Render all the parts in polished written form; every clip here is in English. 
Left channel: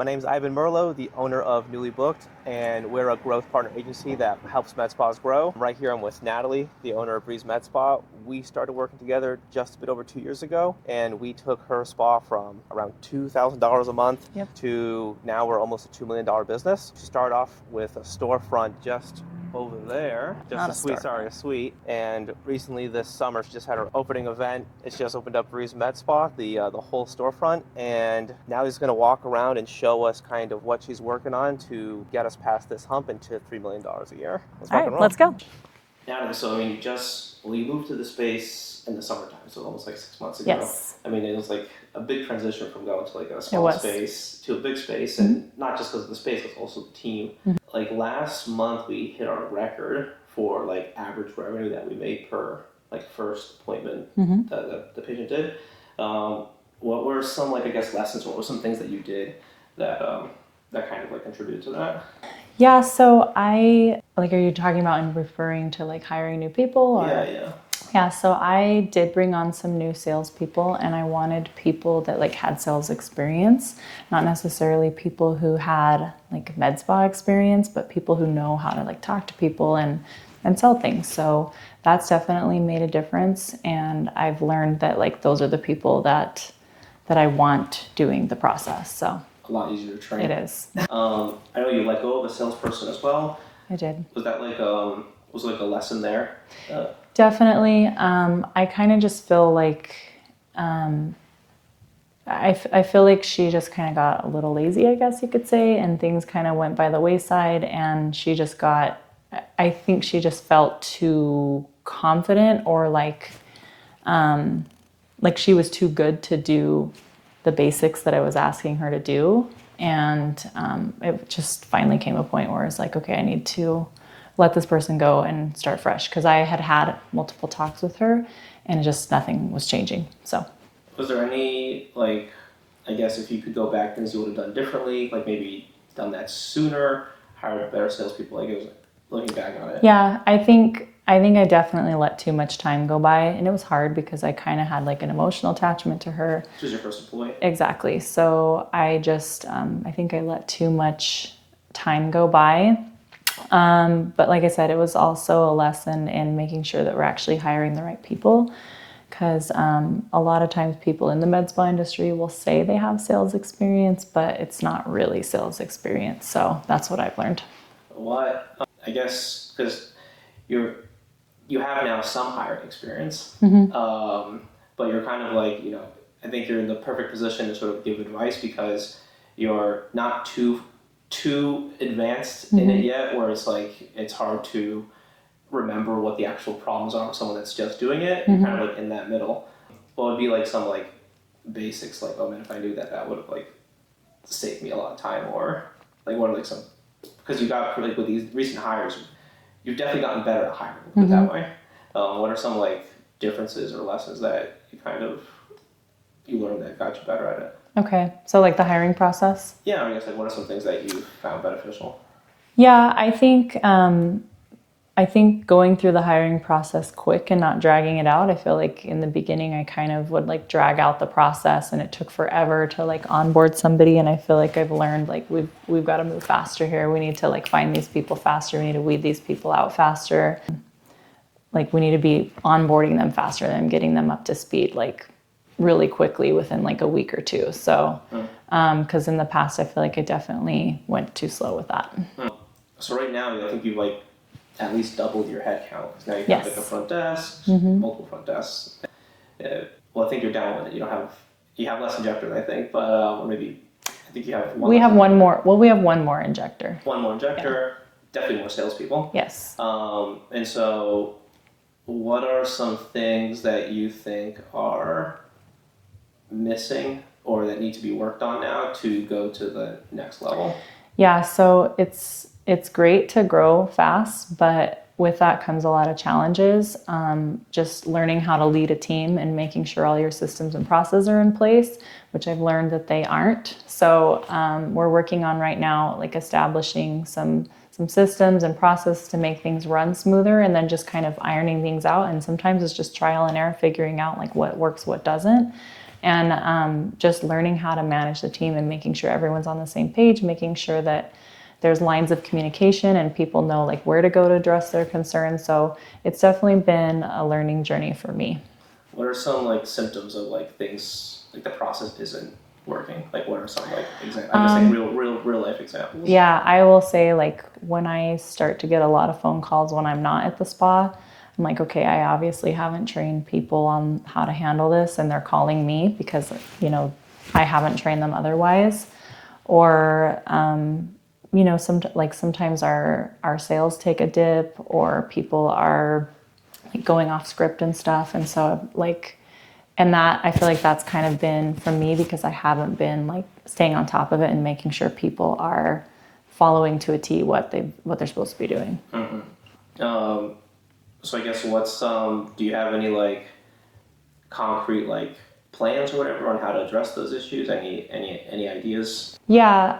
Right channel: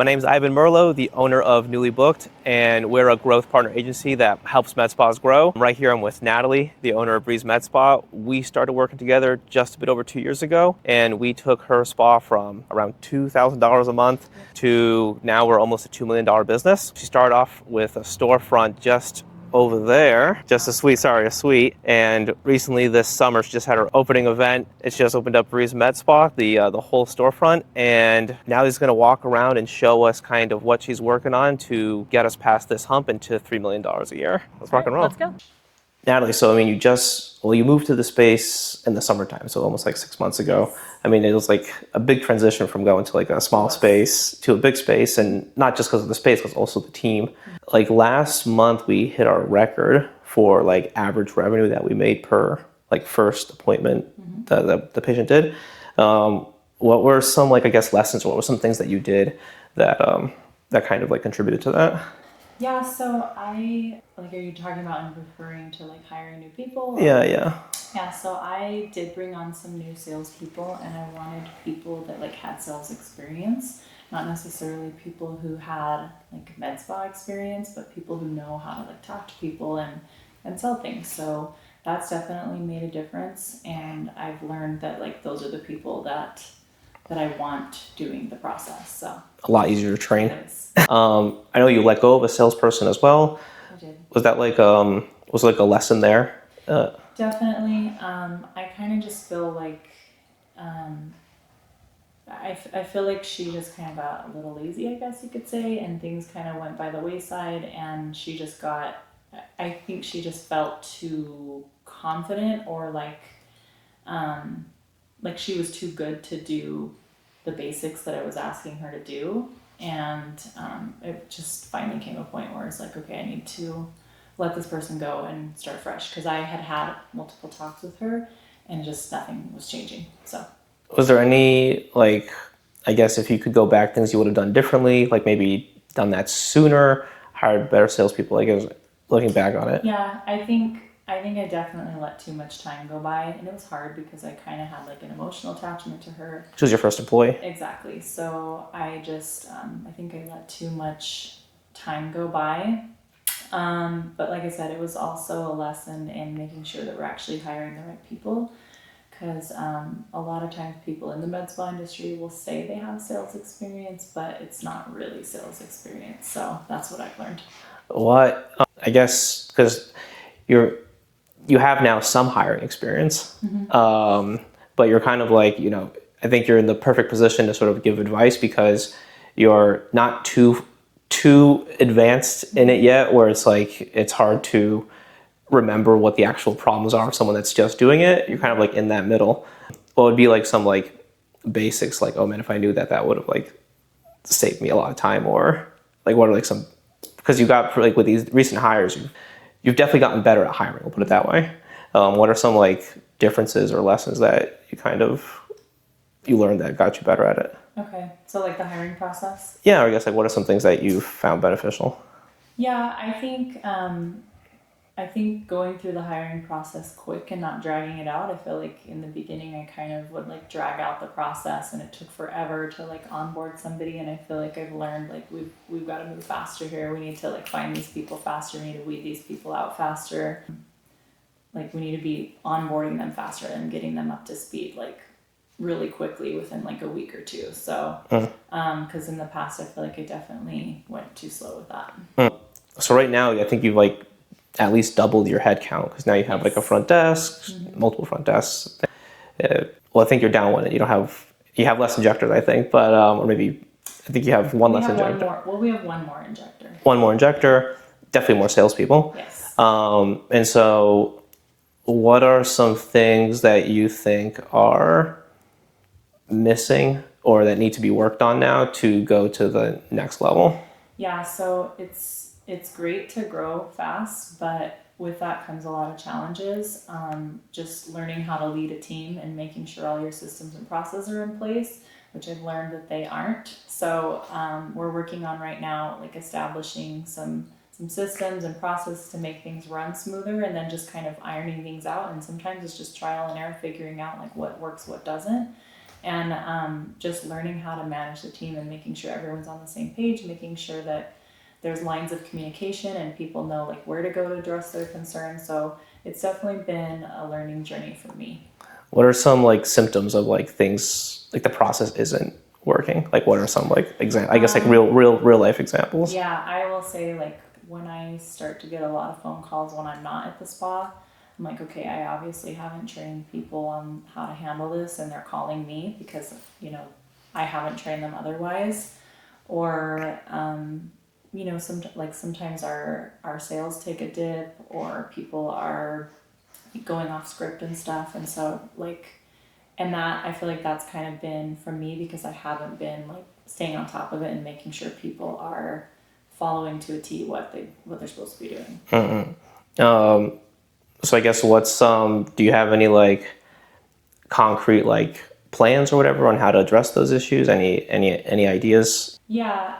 My name is Ivan Merlo, the owner of Newly Booked, and we're a growth partner agency that helps med spas grow. Right here I'm with Natalie, the owner of Breeze Med Spa. We started working together just a bit over 2 years ago, and we took her spa from around $2,000 a month to now we're almost a $2 million business. She started off with a storefront just over there, just a suite. And recently this summer, she just had her opening event. It's just opened up Breeze Med Spa, the whole storefront. And now she's gonna walk around and show us kind of what she's working on to get us past this hump into $3 million a year. Let's rock and roll. Let's go. Natalie, so I mean, you moved to the space in the summertime, so almost like 6 months ago. Yes. I mean, it was like a big transition from going to like a small space to a big space, and not just because of the space, but also the team. Like last month, we hit our record for like average revenue that we made per like first appointment that the patient did. What were some like, I guess, lessons, or what were some things that you did that that kind of like contributed to that? Yeah, so are you talking about in referring to like hiring new people? Or? Yeah. Yeah, so I did bring on some new salespeople, and I wanted people that like had sales experience, not necessarily people who had like med spa experience, but people who know how to like talk to people and sell things. So that's definitely made a difference, and I've learned that like those are the people that I want doing the process. So a lot easier to train. It is. I know you let go of a salesperson as well. I did. Was that like a lesson there? Definitely. I kind of just feel like I feel like she just kind of got a little lazy, I guess you could say, and things kind of went by the wayside, and I think she just felt too confident, or like she was too good to do the basics that I was asking her to do. And it just finally came a point where it's like, okay, I need to let this person go and start fresh. Because I had multiple talks with her and just nothing was changing. So was there any, like, I guess if you could go back, things you would have done differently, like maybe done that sooner, hired better salespeople, I guess, looking back on it? Yeah, I think I definitely let too much time go by, and it was hard because I kind of had like an emotional attachment to her. She was your first employee? Exactly. So I just, I think I let too much time go by. But like I said, it was also a lesson in making sure that we're actually hiring the right people, because a lot of times people in the med spa industry will say they have sales experience, but it's not really sales experience. So that's what I've learned. What, I guess, because you have now some hiring experience, but you're kind of like, I think you're in the perfect position to sort of give advice because you're not too advanced in it yet, where it's like, it's hard to remember what the actual problems are of someone that's just doing it. You're kind of like in that middle. What would be like some like basics, like, oh man, if I knew that would have like saved me a lot of time, or like what are like some, because you got like with these recent hires, you've definitely gotten better at hiring, we'll put it that way. What are some like differences or lessons that you learned that got you better at it? Okay, so like the hiring process? Yeah, or I guess like what are some things that you found beneficial? Yeah, I think going through the hiring process quick and not dragging it out. I feel like in the beginning I kind of would like drag out the process, and it took forever to like onboard somebody, and I feel like I've learned like we've got to move faster here. We need to like find these people faster. We need to weed these people out faster. Like we need to be onboarding them faster than getting them up to speed like really quickly within like a week or two. So because in the past I feel like I definitely went too slow with that. So right now I think you've like at least doubled your head count, because now you have like a front desk, multiple front desks. Well, I think you're down one. You have less injectors, I think, but or maybe I think you have one. We have one more. Well, we have one more injector. One more injector, definitely more salespeople. Yes. And so, what are some things that you think are missing or that need to be worked on now to go to the next level? Yeah. So it's great to grow fast, but with that comes a lot of challenges. Just learning how to lead a team and making sure all your systems and processes are in place, which I've learned that they aren't. So we're working on right now, like establishing some systems and process to make things run smoother, and then just kind of ironing things out. And sometimes it's just trial and error, figuring out like what works, what doesn't. And just learning how to manage the team and making sure everyone's on the same page, making sure that there's lines of communication and people know like where to go to address their concerns. So it's definitely been a learning journey for me. What are some like symptoms of like things like the process isn't working? Like what are some like I guess like real life examples? Yeah, I will say like when I start to get a lot of phone calls when I'm not at the spa, I'm like, okay, I obviously haven't trained people on how to handle this and they're calling me because, you know, I haven't trained them otherwise. Or, you know, sometimes our sales take a dip or people are like going off script and stuff. And so like, and that, I feel like that's kind of been from me because I haven't been like staying on top of it and making sure people are following to a T what they're supposed to be doing. So I guess do you have any like concrete like plans or whatever on how to address those issues? Any ideas? Yeah,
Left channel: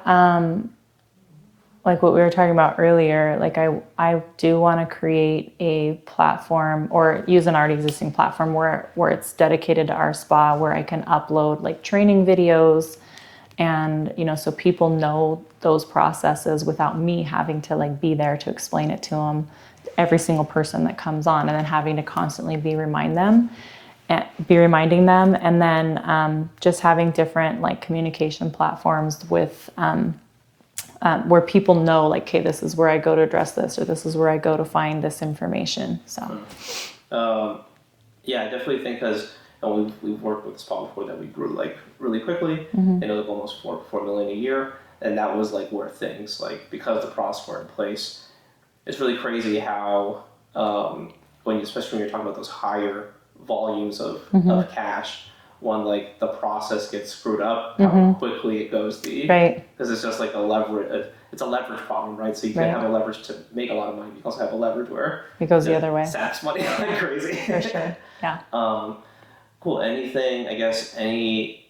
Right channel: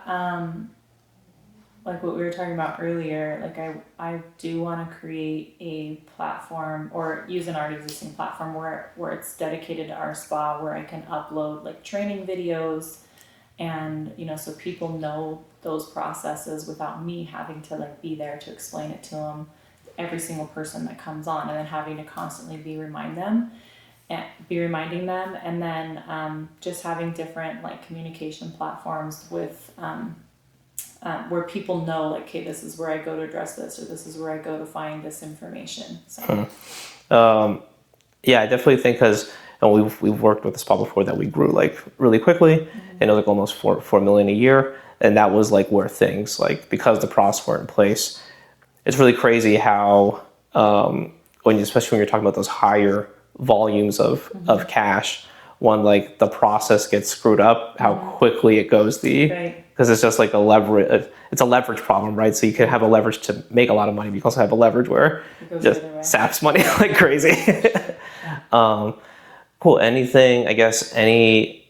like what we were talking about earlier, like I do want to create a platform or use an already existing platform where it's dedicated to our spa, where I can upload like training videos and, you know, so people know those processes without me having to like be there to explain it to them, every single person that comes on, and then having to constantly be reminding them. And then just having different like communication platforms with where people know like, okay, this is where I go to address this, or this is where I go to find this information. So yeah, I definitely think because we've worked with the spa before that we grew like really quickly, and it was like almost 4 million a year, and that was like where things like because the process weren't in place. It's really crazy how especially when you're talking about those higher volumes of cash, when like the process gets screwed up, how quickly it goes because it's just like it's a leverage problem, right? So you can have a leverage to make a lot of money, but you can also have a leverage where it goes the other way. Saps money like crazy. For sure. Yeah. Cool. Anything? I guess any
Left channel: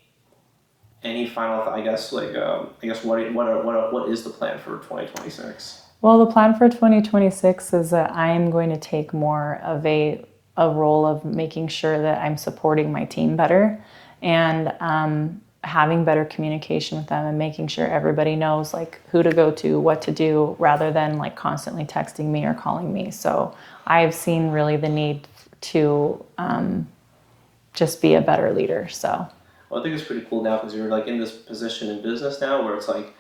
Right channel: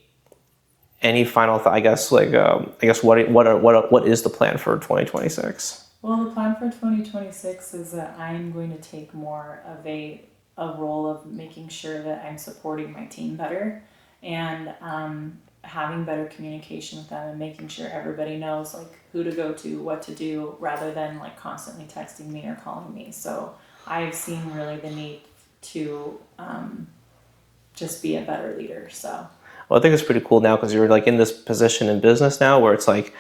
final thought? I guess like I guess what is the plan for 2026? Well, the plan for 2026 is that I am going to take more of a role of making sure that I'm supporting my team better and having better communication with them and making sure everybody knows like who to go to, what to do, rather than like constantly texting me or calling me. So I've seen really the need to just be a better leader. So well, I think it's pretty cool now because you're like in this position in business now where it's like,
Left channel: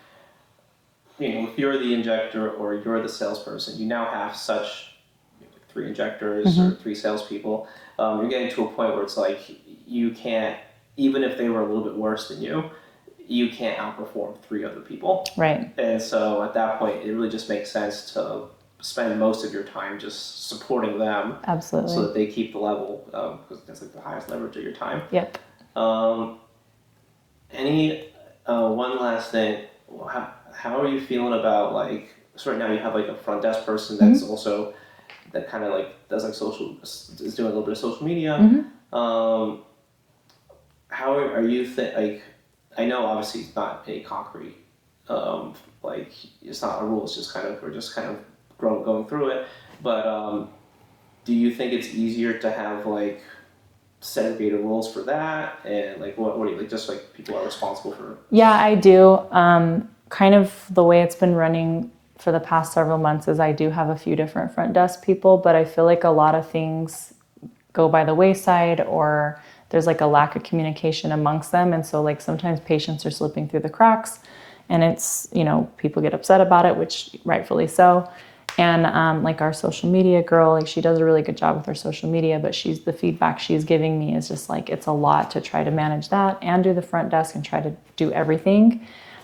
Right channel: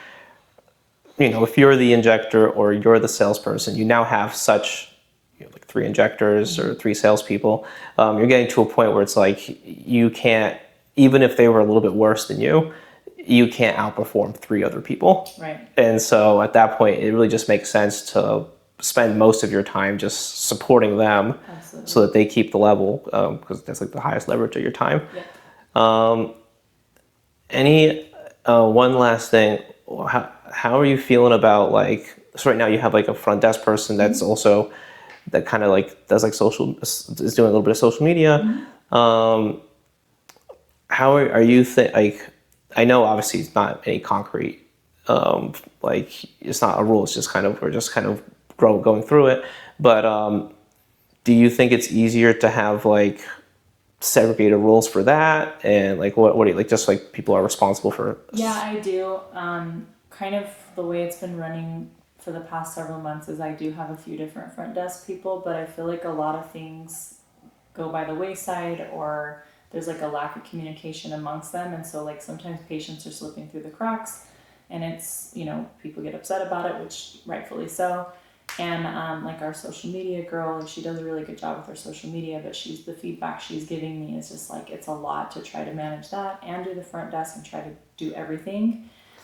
you know, if you're the injector or you're the salesperson, you now have such like 3 injectors or 3 salespeople. You're getting to a point where it's like you can't, even if they were a little bit worse than you can't outperform 3 other people. Right. And so at that point, it really just makes sense to spend most of your time just supporting them. Absolutely. So that they keep the level, because that's like the highest leverage of your time. Yep. One last thing, how are you feeling about like, so right now you have like a front desk person that's also, that kind of like does like is doing a little bit of social media. How are you like, I know obviously it's not any concrete, like it's not a rule, it's just kind of, we're just kind of going through it. But do you think it's easier to have like segregated roles for that? And like, what do you like, just like people are responsible for? Yeah, I do. Kind of the way it's been running for the past several months is I do have a few different front desk people, but I feel like a lot of things go by the wayside or there's like a lack of communication amongst them. And so like sometimes patients are slipping through the cracks and it's, you know, people get upset about it, which rightfully so. And like our social media girl, like she does a really good job with her social media, but the feedback she's giving me is just like, it's a lot to try to manage that and do the front desk and try to do everything.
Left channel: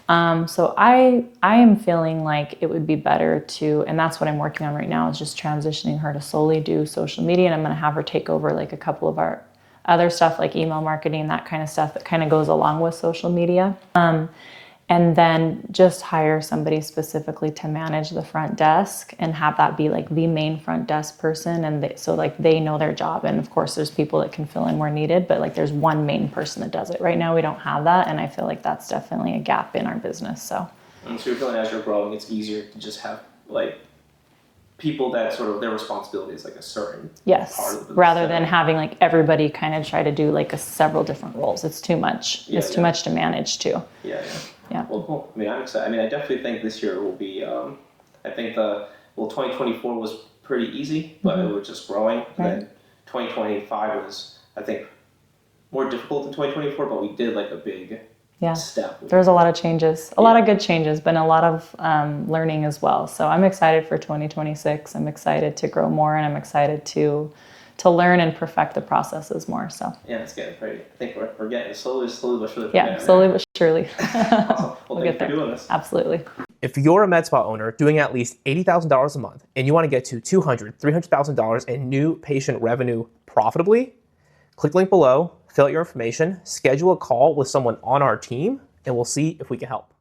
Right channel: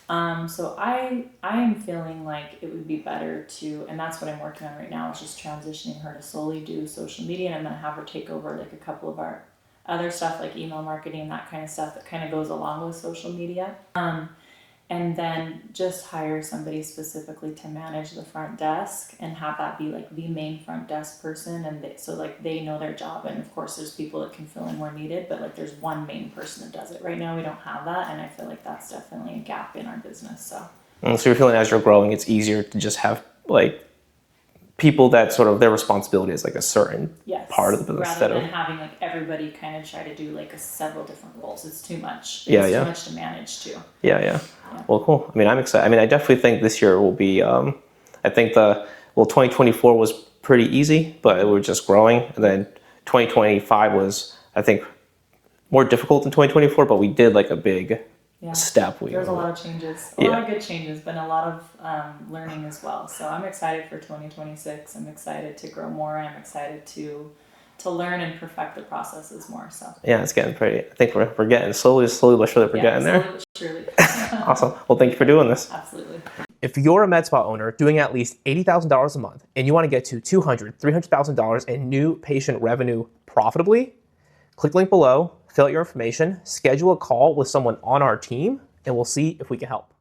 So I am feeling like it would be better to, and that's what I'm working on right now, is just transitioning her to solely do social media. And I'm going to have her take over like a couple of our other stuff, like email marketing, that kind of stuff that kind of goes along with social media. And then just hire somebody specifically to manage the front desk and have that be like the main front desk person. And so like they know their job. And of course there's people that can fill in where needed, but like there's one main person that does it. Right now we don't have that. And I feel like that's definitely a gap in our business. So And so you're feeling as you're growing, it's easier to just have like people that sort of their responsibility is like a certain Yes. part of the business. Rather than having like everybody kind of try to do like several different roles. It's too much. It's too much to manage too. Yeah. Well, cool. I mean, I'm excited. I mean, I definitely think this year will be, I think 2024 was pretty easy, but we're just growing. And then 2025 was, I think, more difficult than 2024, but we did like a big step. There was a lot of changes, a lot of good changes, but a lot of learning as well. So I'm excited for 2026. I'm excited to grow more, and I'm excited to learn and perfect the processes more. So yeah, it's getting pretty. I think we're getting slowly but surely we're getting there. Slowly but surely. Awesome. Well, thank you for doing this. Absolutely. If you're a med spa owner doing at least $80,000 a month and you want to get to $200,000, $300,000 in new patient revenue profitably, click the link below, fill out your information, schedule a call with someone on our team, and we'll see if we can help.